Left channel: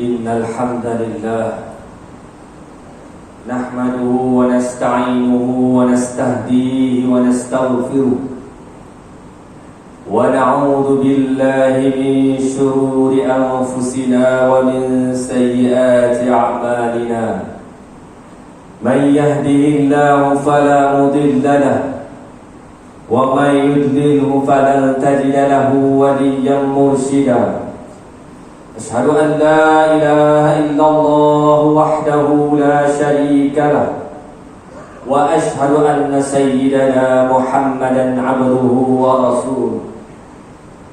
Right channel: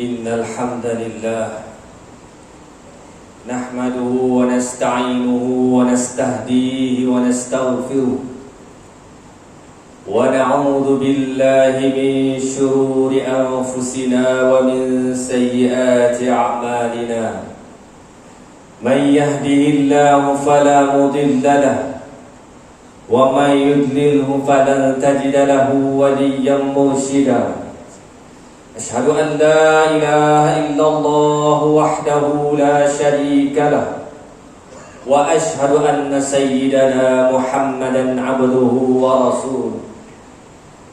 إن الحمد لله نحمده ونستعينه ونستهديه ونستغفره ونعوذ بالله من شرور أنفسنا ومن سيئات أعمالنا من يهده الله فلا مضل له ومن يضلله فلن تجد له وليا مرشدا أشهد أن لا إله إلا الله وحده لا شريك له وأشهد أن سيدنا محمدا عبده ورسوله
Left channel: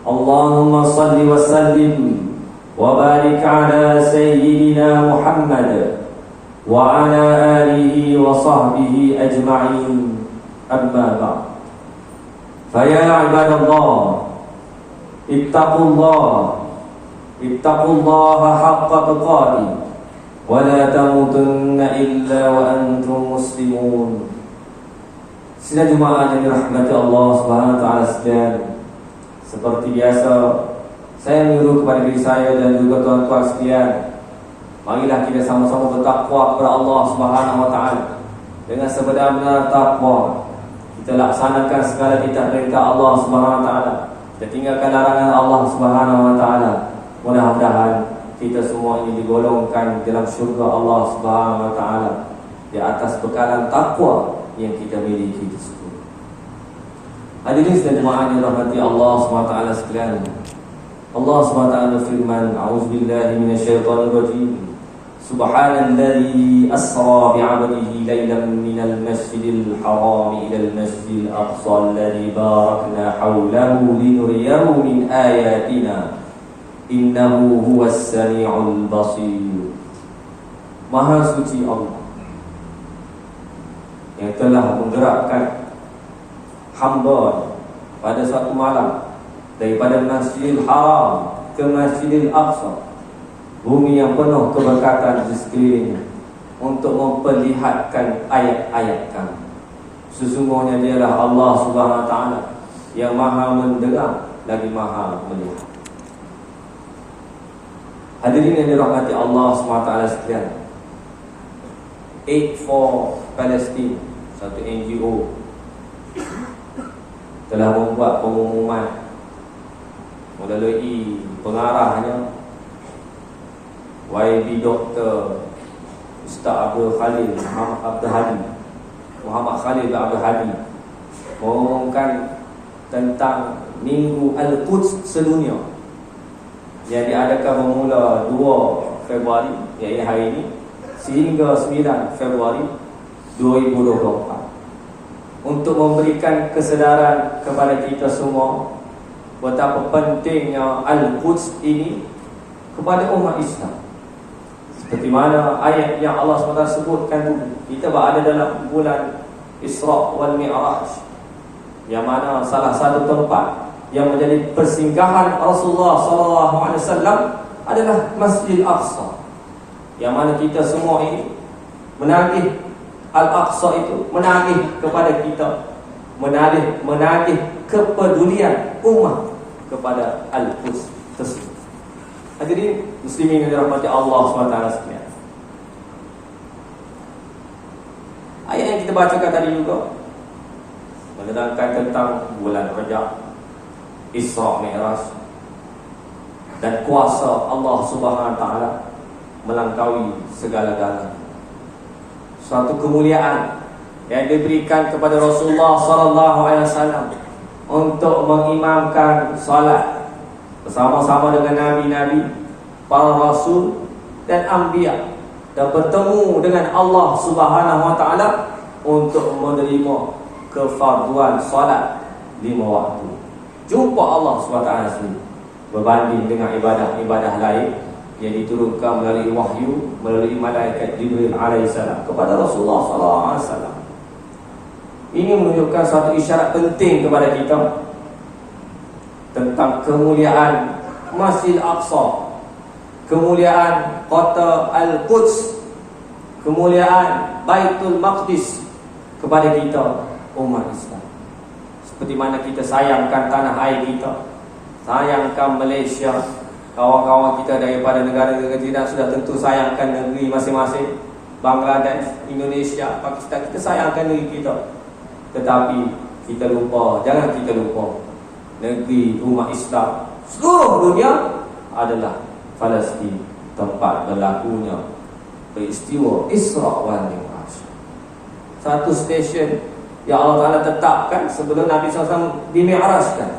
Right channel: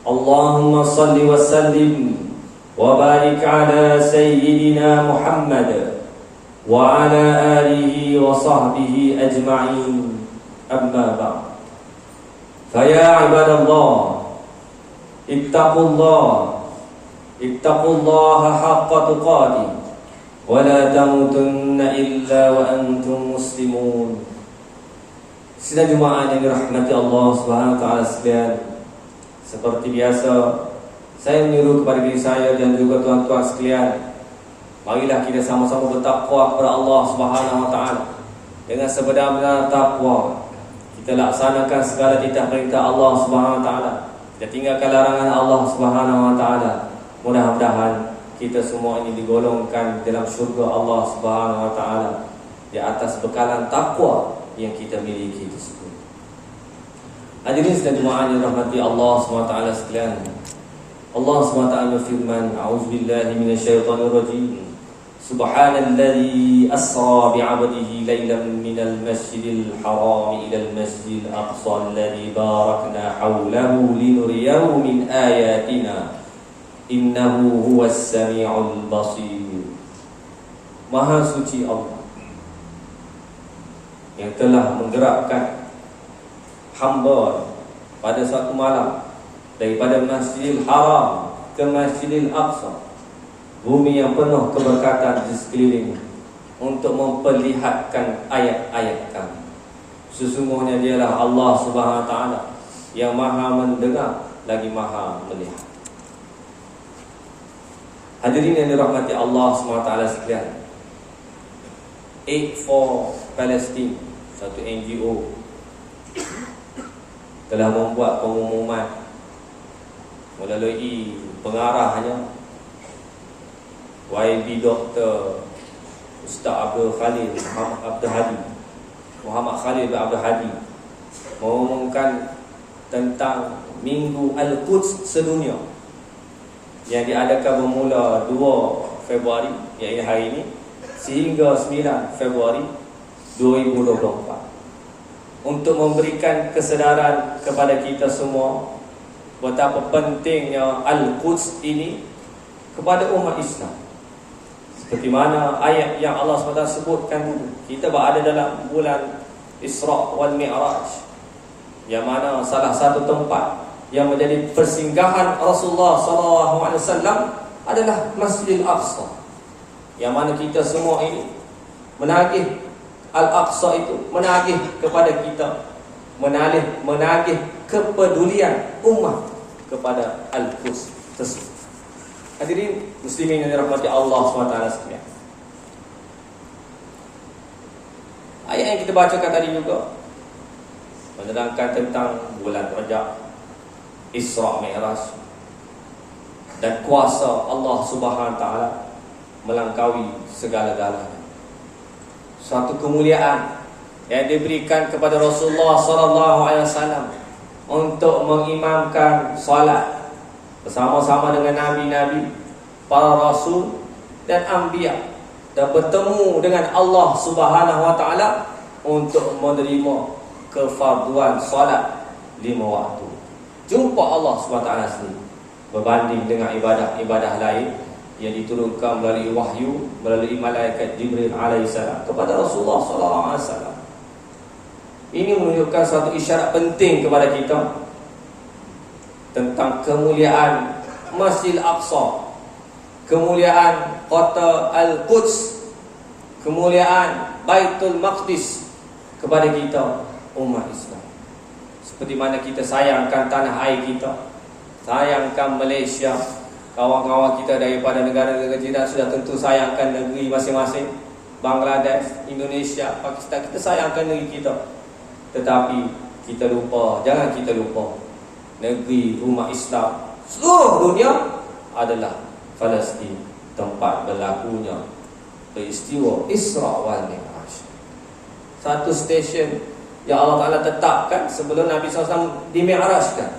اللهم صل وسلم وبارك على سيدنا محمد وعلى آله وصحبه أجمعين أما بعد فيا عباد الله اتقوا الله حق تقاته ولا تموتن إلا وأنتم مسلمون. Sidang jemaah yang dirahmati Allah Subhanahu wa taala sekalian, seperti biasa saya menyuruh kepada diri saya dan juga tuan-tuan sekalian, marilah kita sama-sama bertakwa kepada Allah Subhanahu wa taala. Dengan sebenar-benar takwa kita laksanakan segala perintah Allah Subhanahu wa taala dan tinggalkan larangan Allah Subhanahu wa taala. Mudah-mudahan kita semua ini digolongkan dalam syurga Allah Subhanahu wa taala di atas bekalan takwa yang kita miliki tersebut. Hadirin dan jemaah yang dirahmati Allah Subhanahu wa taala sekalian, Allah Subhanahu wa taala berfirman, a'udzubillahi minasyaitonir rajim. Subhanalladzi asra bi'abdihi lailan minal masjidil haram ilal masjidil aqsa alladzi barakna hawlahu linuriyahu min ayatina innahu huwas sami'ul basir. Maha suci Allah yang telah menggerakkan hamba pada suatu malam daripada Masjidil Haram ke Masjidil Aqsa, bumi yang penuh keberkatan di sekelilingnya, untuk memperlihatkan ayat-ayat kami. Sesungguhnya dialah Allah Subhanahu wa taala yang maha mendengar lagi maha melihat. Hadirin yang dirahmati Allah SWT sekalian, Aid for Palestine, satu NGO, telah membuat pengumuman melalui pengarahnya YB Dr. Ustaz Abdul Khalil Muhammad Khalil bin Abdul Hadi, mengumumkan tentang Minggu Al-Quds sedunia yang diadakan bermula 2 Februari, iaitu hari ini, sehingga 9 Februari 2024, untuk memberikan kesedaran kepada kita semua betapa pentingnya Al-Quds ini kepada umat Islam. Seperti mana ayat yang Allah SWT sebutkan dulu, kita berada dalam bulan Isra wal Mi'raj, yang mana salah satu tempat yang menjadi persinggahan Rasulullah SAW adalah Masjidil Aqsa, yang mana kita semua ini menagih Al-Aqsa itu, menagih kepada kita, menagih kepedulian umat kepada Al-Quds tersebut. Hadirin muslimin yang dirahmati Allah SWT sekalian, ayat yang kita bacakan tadi juga menerangkan tentang bulan Rajab, Isra Mi'raj, dan kuasa Allah Subhanahu wa taala melangkaui segala-galanya. Suatu kemuliaan yang diberikan kepada Rasulullah SAW untuk mengimamkan salat bersama-sama dengan nabi-nabi, para rasul dan anbiya, dan bertemu dengan Allah Subhanahu wa taala untuk menerima kefarduan salat 5 waktu. Jumpa Allah SWT sendiri, berbanding dengan ibadah-ibadah lain yang diturunkan melalui wahyu, melalui malaikat Jibril alaihissalam kepada Rasulullah SAW. Ini menunjukkan satu isyarat penting kepada kita tentang kemuliaan Masjid Al-Aqsa, kemuliaan kota Al-Quds, kemuliaan Baitul Maqdis kepada kita umat Islam. Seperti mana kita sayangkan tanah air kita, sayangkan Malaysia, kawan-kawan kita daripada negara-negara jiran sudah tentu sayangkan negeri masing-masing. Bangladesh, Indonesia, Pakistan, kita sayangkan negeri kita. Tetapi kita lupa, jangan kita lupa, negeri umat Islam seluruh dunia adalah Palestin, tempat berlakunya peristiwa Isra wal Mi'raj. Satu stesen yang Allah Ta'ala tetapkan sebelum Nabi SAW dimi'rajkan.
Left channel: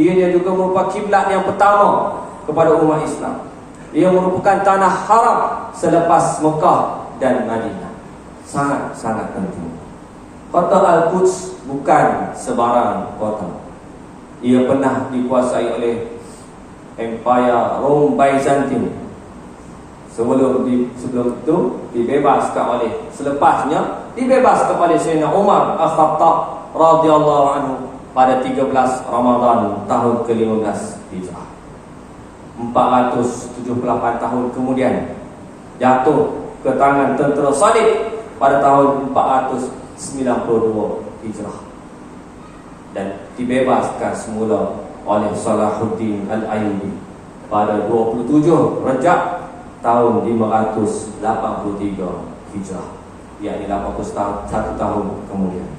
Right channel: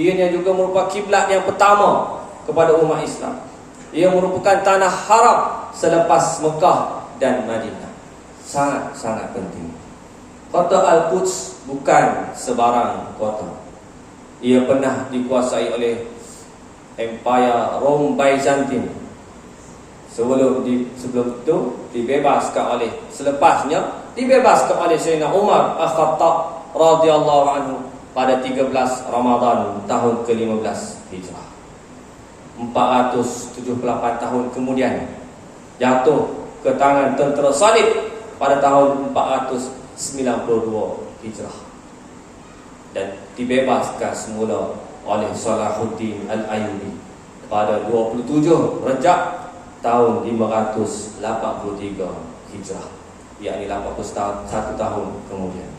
Ianya juga merupakan kiblat yang pertama kepada umat Islam. Ia merupakan tanah haram selepas Mekah dan Madinah. Sangat-sangat penting. Kota Al-Quds bukan sebarang kota. Ia pernah dikuasai oleh Empire Rome Byzantine. Sebelum itu selepasnya dibebaskan oleh Sayyidina Umar Al-Khattab radhiyallahu anhu pada 13 Ramadan tahun ke-15 Hijrah. 478 tahun kemudian jatuh ke tangan tentera Salib pada tahun 492 Hijrah dan dibebaskan semula oleh Salahuddin Al-Ayyubi pada 27 Rejab tahun 583 Hijrah, yakni 81 tahun kemudian.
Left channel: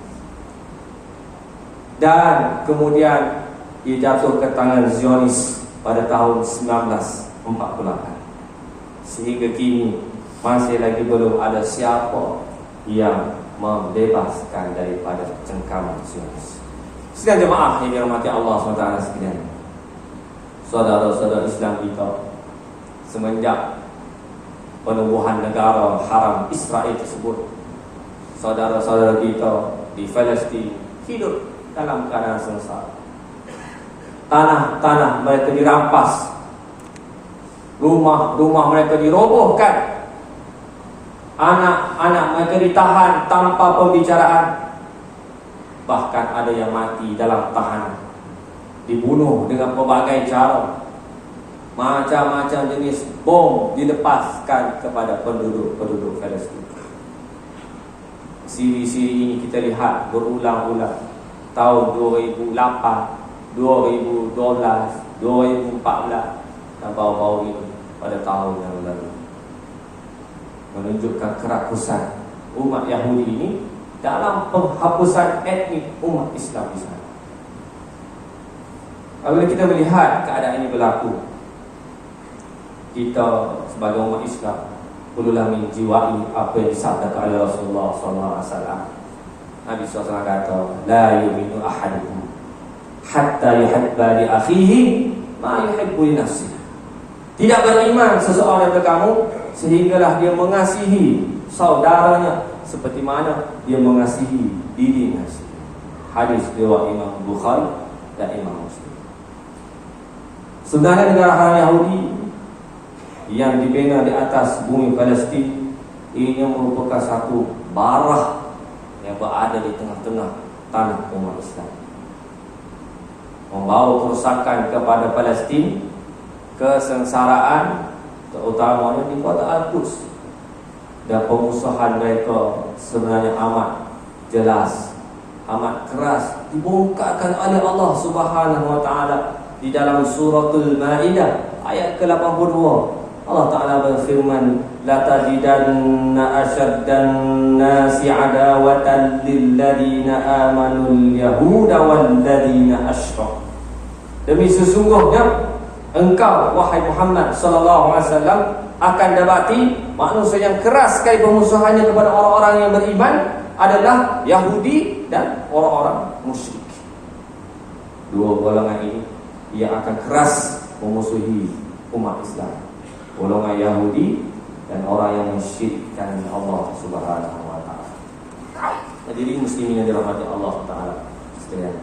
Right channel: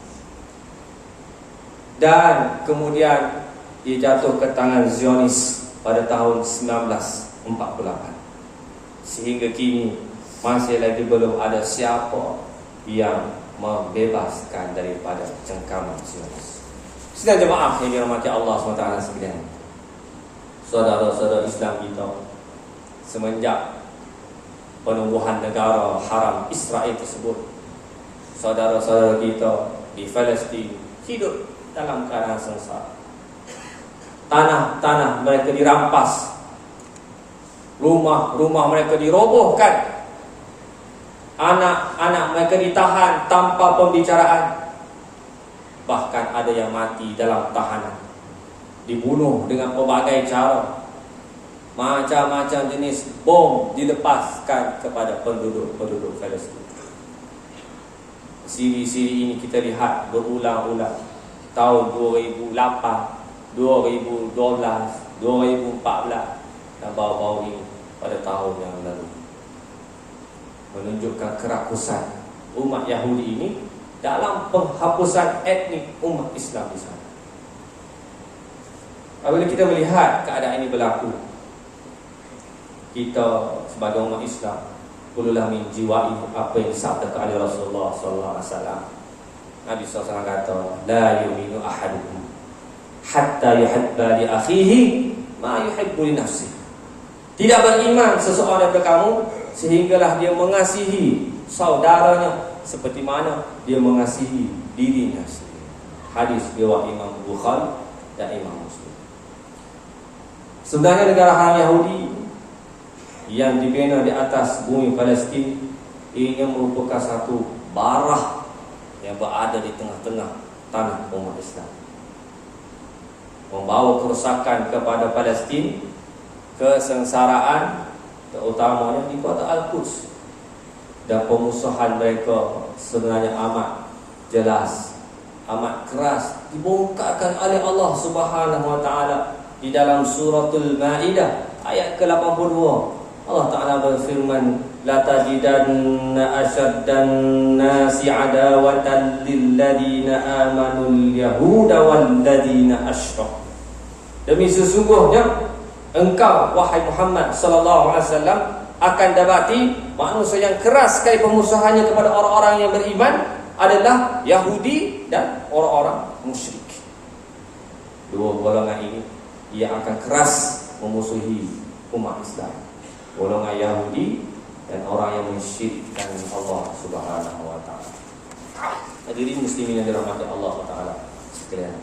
Dan kemudian dia jatuh ke tangan Zionis pada tahun 1948. Sehingga kini masih lagi belum ada siapa yang membebaskan daripada cengkaman Zionis. Sidang jemaah yang dirahmati Allah SWT sekalian, saudara-saudara Islam kita, semenjak penubuhan negara haram Israel tersebut, saudara-saudara kita di Palestin hidup dalam keadaan sengsara. Tanah-tanah mereka dirampas, rumah-rumah mereka dirobohkan, anak-anak mereka ditahan tanpa pembicaraan. Bahkan ada yang mati dalam tahanan, dibunuh dengan pelbagai cara. Macam-macam jenis bom dilepaskan kepada penduduk Palestin. Siri-siri ini kita lihat berulang-ulang. Tahun 2008, 2012, 2014 dan baru-baru ini pada tahun yang lalu, menunjukkan kerakusan umat Yahudi ini dalam penghapusan etnik umat Islam di sana. Apabila kita melihat keadaan ini berlaku, kita sebagai umat Islam perlulah menjiwai apa yang disabdakan oleh Rasulullah SAW. Nabi SAW kata, la yu'minu ahadukum hatta yuhibba li akhihi ma yuhibbu li nafsihi. Tidak beriman seseorang daripada kamu sehinggalah dia mengasihi saudaranya seperti mana dia mengasihi dirinya sendiri. Hadis riwayat Imam Bukhari dan Imam Muslim. Sebenarnya negara haram Yahudi yang dibina di atas bumi Palestin ini merupakan satu barah yang berada di tengah-tengah tanah umat Islam, membawa kerusakan kepada Palestin, kesengsaraan terutamanya di kota Al-Quds, dan pemusuhan mereka sebenarnya amat jelas, amat keras dibongkarkan oleh Allah Subhanahu wa taala di dalam suratul Maidah ayat ke-82. Allah Ta'ala berfirman, la tajidanna asyaddan nasi adawatan lilladina amanul yahuda walladina asyrak. Demi sesungguhnya engkau wahai Muhammad sallallahu alaihi wasallam akan dapati manusia yang keras sekali pemusuhannya kepada orang-orang yang beriman adalah Yahudi dan orang-orang musyrik. Dua golongan ini ia akan keras memusuhi umat Islam, golongan Yahudi dan orang yang mensyirikkan Allah Subhanahu wa taala. Hadirin muslimin yang dirahmati Allah Taala sekalian,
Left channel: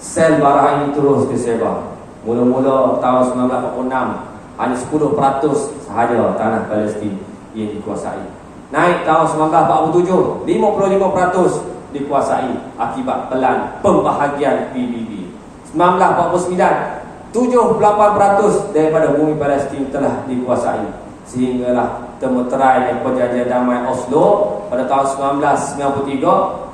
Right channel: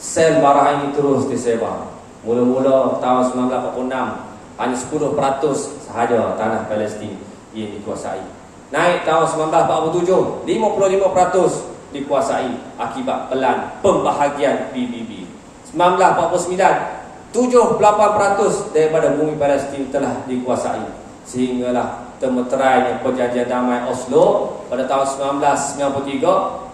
sel bara ini terus disebar. Mula-mula tahun 1946 hanya 10% sahaja tanah Palestin yang dikuasai. Naik tahun 1947 55% dikuasai akibat pelan pembahagian PBB. 1949 78% daripada bumi Palestin telah dikuasai, sehinggalah termeterainya perjanjian damai Oslo pada tahun 1993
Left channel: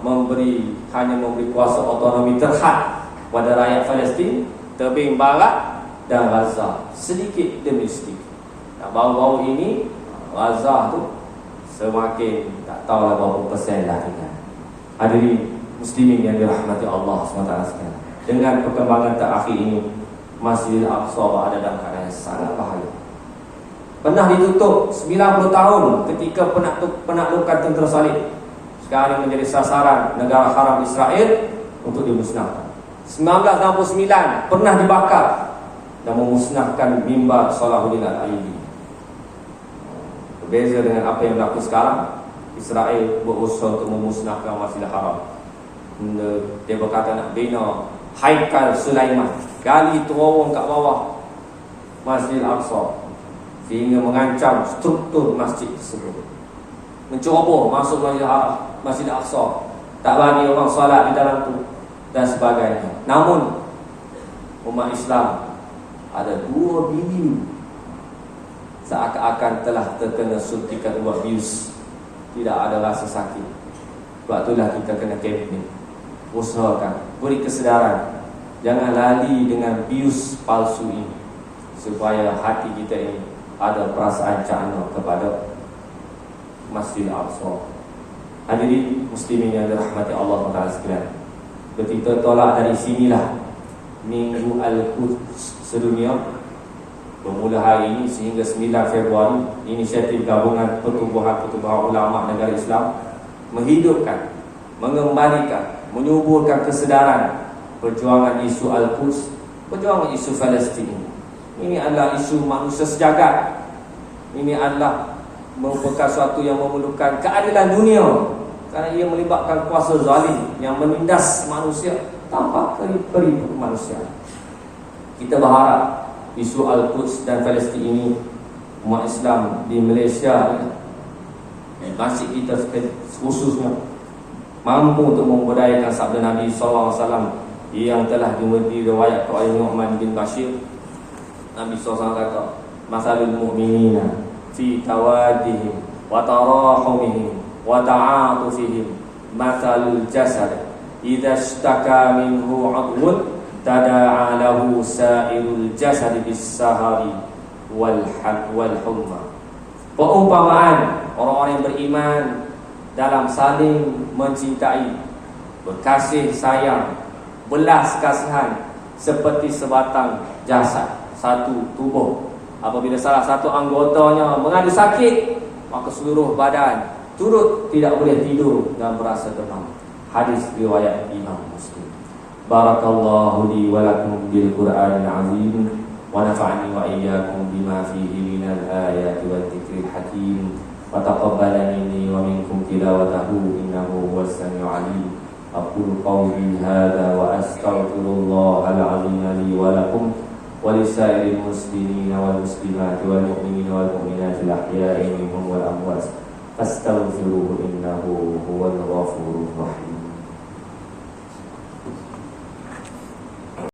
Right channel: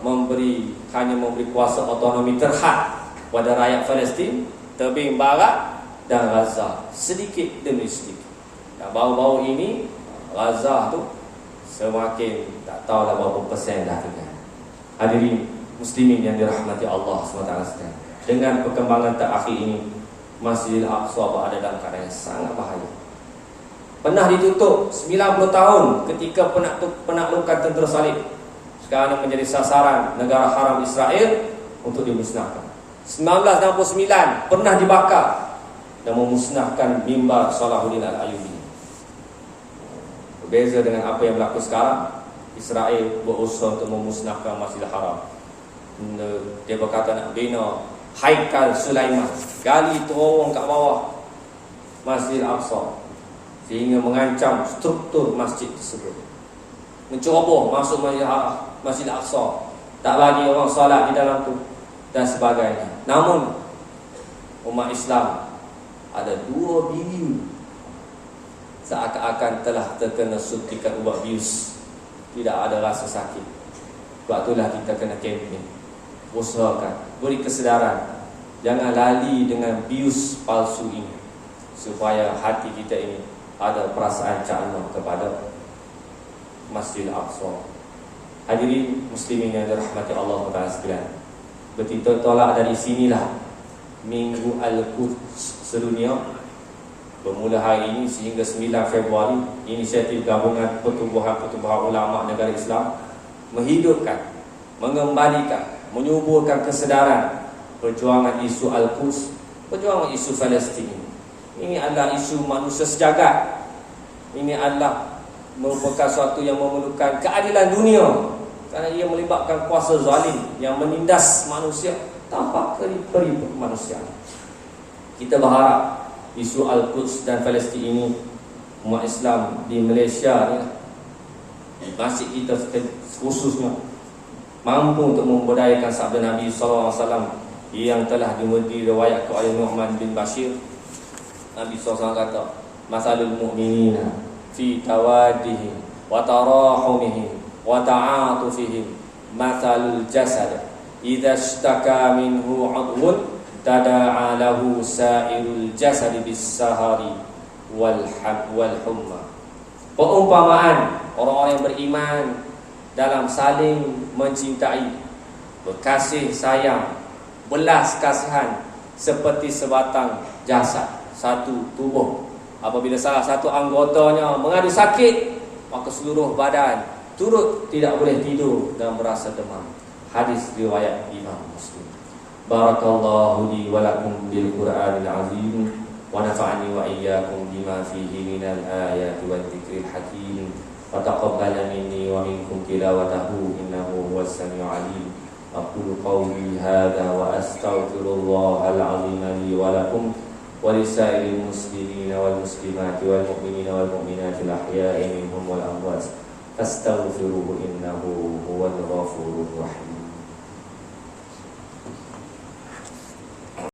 hanya memberi kuasa otonomi terhad pada rakyat Palestin, tebing barat dan Gaza, sedikit demi sedikit. Dan baru-baru ini Gaza tu semakin tak tahulah berapa persen dah tinggal. Hadirin muslimin yang dirahmati Allah SWT sekalian, dengan perkembangan terakhir ini, Masjidil Aqsa berada dalam keadaan yang sangat bahaya. Pernah ditutup 90 tahun ketika penaklukan tentera salib. Sekarang menjadi sasaran negara haram Israel untuk dimusnahkan. 1969 pernah dibakar dan memusnahkan mimbar Salahuddin Al-Ayyubi. Berbeza dengan apa yang berlaku sekarang. Israel berusaha untuk memusnahkan Masjidil Haram. Dia berkata nak bina Haikal Sulaiman, gali terowong kat bawah Masjidil Aqsa, sehingga mengancam struktur masjid tersebut. Menceroboh masuk Masjidil Aqsa, tak bagi orang solat di dalam tu dan sebagainya. Namun umat Islam ada 2 bilion seakan-akan telah terkena suntikan ubat bius, tidak ada rasa sakit. Sebab itulah kita kena kempen, usahakan, beri kesedaran, jangan lali dengan bius palsu ini, supaya hati kita ini ada perasaan cakna kepada Masjidil Aqsa. Hadirin muslimin yang dirahmati Allah Taala sekalian, kita tolak dari sinilah Minggu Al-Quds sedunia. Bermula hari ini sehingga 9 Februari, inisiatif gabungan pertubuhan-pertubuhan ulama negara Islam menghidupkan, mengembalikan, menyuburkan kesedaran perjuangan isu Al-Quds, perjuangan isu Palestin. Ini adalah isu manusia sejagat. Ini adalah merupakan suatu yang memerlukan keadilan dunia, kerana ia melibatkan kuasa zalim yang menindas manusia tanpa peri-peri kemanusiaan. Kita berharap isu Al-Quds dan Palestin ini, umat Islam di Malaysia, di masjid kita khususnya, mampu untuk memberdayakan sabda Nabi SAW yang telah diriwayatkan oleh Nu'man bin Bashir. Nabi SAW kata, masalul mu'minina fi tawadihim wa tarahumihim wa ta'atufihim masalul jasad idza ishtaka minhu 'udwun tada'a lahu sa'irul jasad bis-sahari wal humma. Perumpamaan orang-orang yang beriman dalam saling mencintai, berkasih sayang, belas kasihan, seperti sebatang jasad, satu tubuh. Apabila salah satu anggotanya mengadu sakit, maka seluruh badan turut tidak boleh tidur dan berasa demam. Hadis riwayat Imam Muslim. Barakallahu li wa lakum bil Qur'anil azim wa nafa'ani wa iyyakum bima fihi minal ayati wal dzikril hakim. Wa taqabbal minni wa minkum tilawatahu innahu huwas samiul alim. Aqulu qawli hadza wa astaghfirullahal azim li wa lakum wa lisairil muslimina wal muslimati wal mu'minina wal mu'minati al ahya'i minhum wal amwat. Astaghfiruhu innahu huwal ghafurur rahim.